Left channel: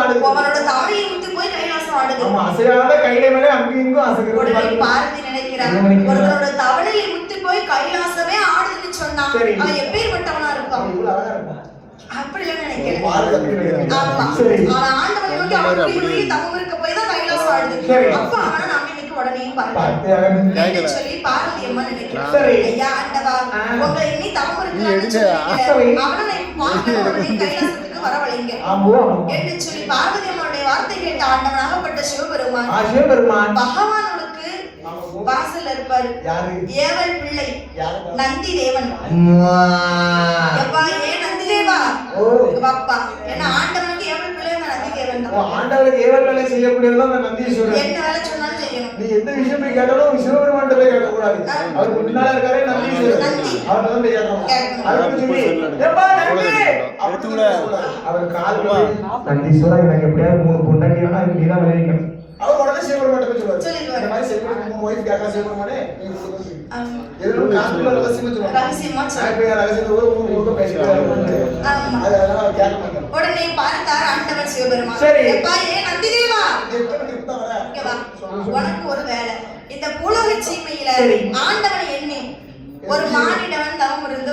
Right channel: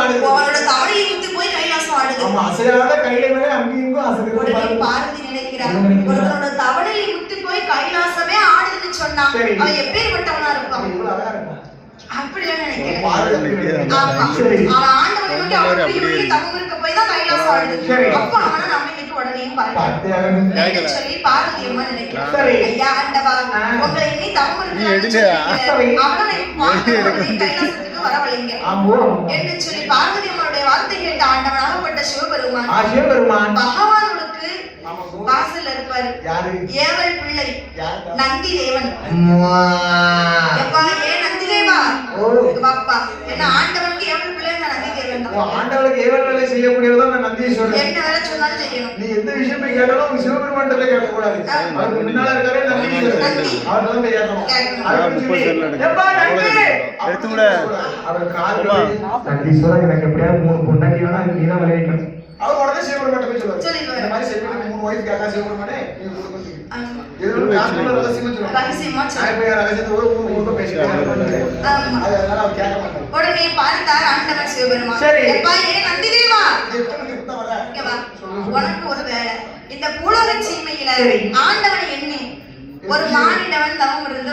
ஆடுது. அவனோட தவளையை முத்தி போய் கைலாசம் ஆடுது. ஆமா, அசையாத கையில மேலே அங்கேயும் இங்கும் அசைகிறது. உடனே பார்வதி நினைக்கிறான், ஒருத்தனோட தவளையை முத்தி போய் கைலாசமே ஆடுதுன்னு சொன்னா அவன் எப்பேற்பட்டவனா இருப்பான்? இவ்வளவு அழகா இருப்பான். அப்படிலாம் நினைக்கிறேன். அவன் ஆண்டவனை நோக்கி அப்படியே தவம் இருக்க போய் தான் கைலாசம் ஆடுது. அப்ப அவனை நம்பிக்கைக்கு உடனே பார்த்து சொல்லி பார்வதி அம்மா நினைக்கிறான், ஐயா ஆண்டவா, உங்களை இனி தவம் இருக்க அவனை கைலாசத்துக்கு வரவழைங்க என்று சொல்லி பார்வதி அம்மனுடைய வார்த்தை கேட்ட ஆண்டவனாகப்பட்ட சிவபெருமான் பகவானுக்கு வாசல் இருப்பாரு. ஏவல் பிள்ளை நந்தி தேவன். எப்பா ஏன் நந்தி தேவா? பாப்பா என்ன ஆண்டவனுக்கு ஏவல் பிள்ளை நந்தி தேவன் தான். ஆண்டவனுக்கு ஏவல் வேலை செய்யக்கூடியவதான் அந்த நந்தீஸ்வரர். என்ன வேலை சொன்னாலும் செய்யணும். நீ எந்த விஷயம் போய் கேட்டாலும் சிவபெருமான் கேட்க கூடாது. அவருக்கு முன்னால இருக்காரு நந்தீஸ்வரர், அவர்கிட்ட தான் கேட்கணும். அதுக்கு சொல்லி எப்பா நந்தி அவர் கால் நந்தீஸ்வரர் எனக்கு எப்படியாவது 3 பொண்டாட்டி வேணா அது நீதான் விளைவிக்கணும். அவர் உடனே சிவபெருமான் போய் சொல்லுவாரு, இந்த மாதிரி செப்பேட் 3 வயசு கேட்கா சிவபெருமானே நீ கொடுக்க எதுவும் காசுல ரகசியமா சொல்லுவாங்க. ரகசியத்தை ஒரு 3 பேசிட்டு அதனால அவர் கேட்க மாட்டாங்க. உடனே பார்த்தார் ஆண்டவர் சிவபெருமான், எப்பா ஏன் நந்தி தேவா இங்க வா, உனக்கு ஒரு வேலை. இந்த பூலோக சீமையில ஆண்டவனை எண்ணி ஒரு மானிடவன் தவம் இருந்து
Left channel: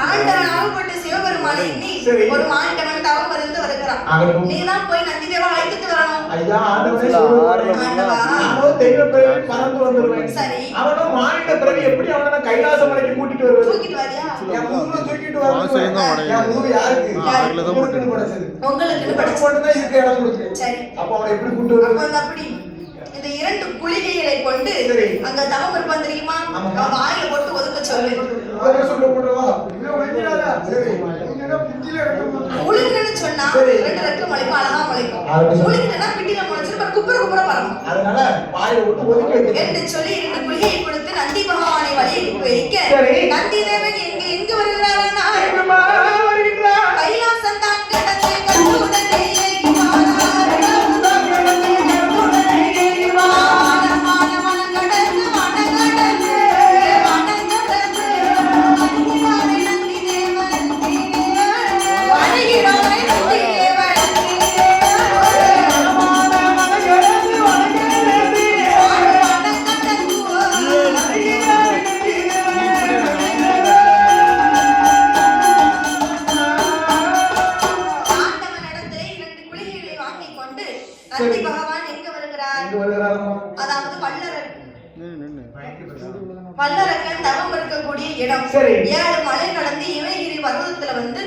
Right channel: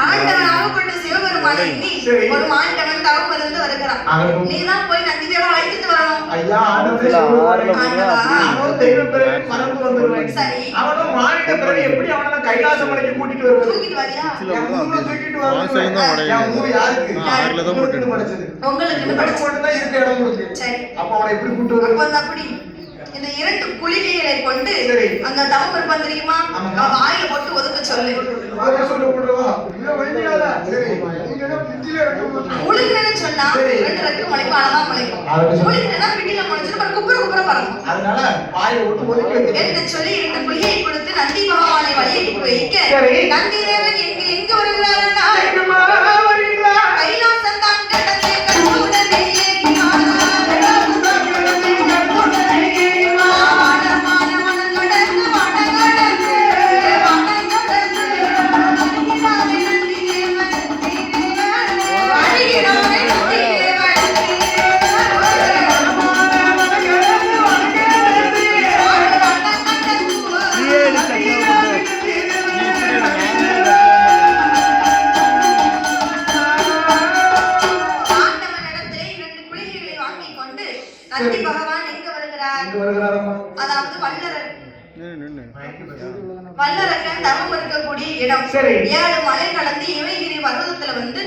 ஆண்டவன் ஆகப்பட்ட சிவபெருமானை எண்ணி ஒரு மானிடவன் தவம் இருந்து வருகிறான். நீதான் போய் நந்தி தேவா அழைத்துட்டு வரணும். ஐயா ஆண்டவரே சிவபெருமான் தெய்வ பிறவி மறந்து வந்துருவேன். சரி, அவனும் மானிட பிறவி எப்படி அவனை கைலாச மலைக்கு கூட்டிட்டு வருவாரு? தூக்கிட்டு வரியா? என் ஊர்ல தூக்கிட்டு வருவாரு. என் ஊர் யாருக்கு? ஆறுல தான் போட்டு படிச்சது. உங்களுக்கு மட்டும் தான் இருக்க இடம் இருக்கு. சரி, அப்ப அவனை எப்படி கூட்டிட்டு வருவாரு? அப்ப அப்படி இந்த 2 குளிகைகளை கொண்டு அந்த தவம் இருப்பான் தெரியுமா, வாயில போட்டு ஒதுக்க சொல்லு. உளுக்குன்னு சொன்னா 2 ரெக்க முளைக்கும், அழகா முளைக்கும். உளுக்குன்னா பிடில முளைச்சிட்டு குப்புற குப்புற பறக்கும். அதனால வாயை விட்டு ஒதுக்கி என்று சொல்லி 2 குளிகையை கொடுத்து நந்தி பகவானை வழி வைக்க நந்தி தேவன் எங்க வருகிறாரா? கைலாசம் தான் கடந்து கண்ணுடனே நந்தி பகவான் எங்க வருகிறார்? அதாவது வல்லரக்கன் தவம் இருக்கக்கூடிய இடம். 7 மலை கடந்து இமயகிரி பர்வதத்துல வந்து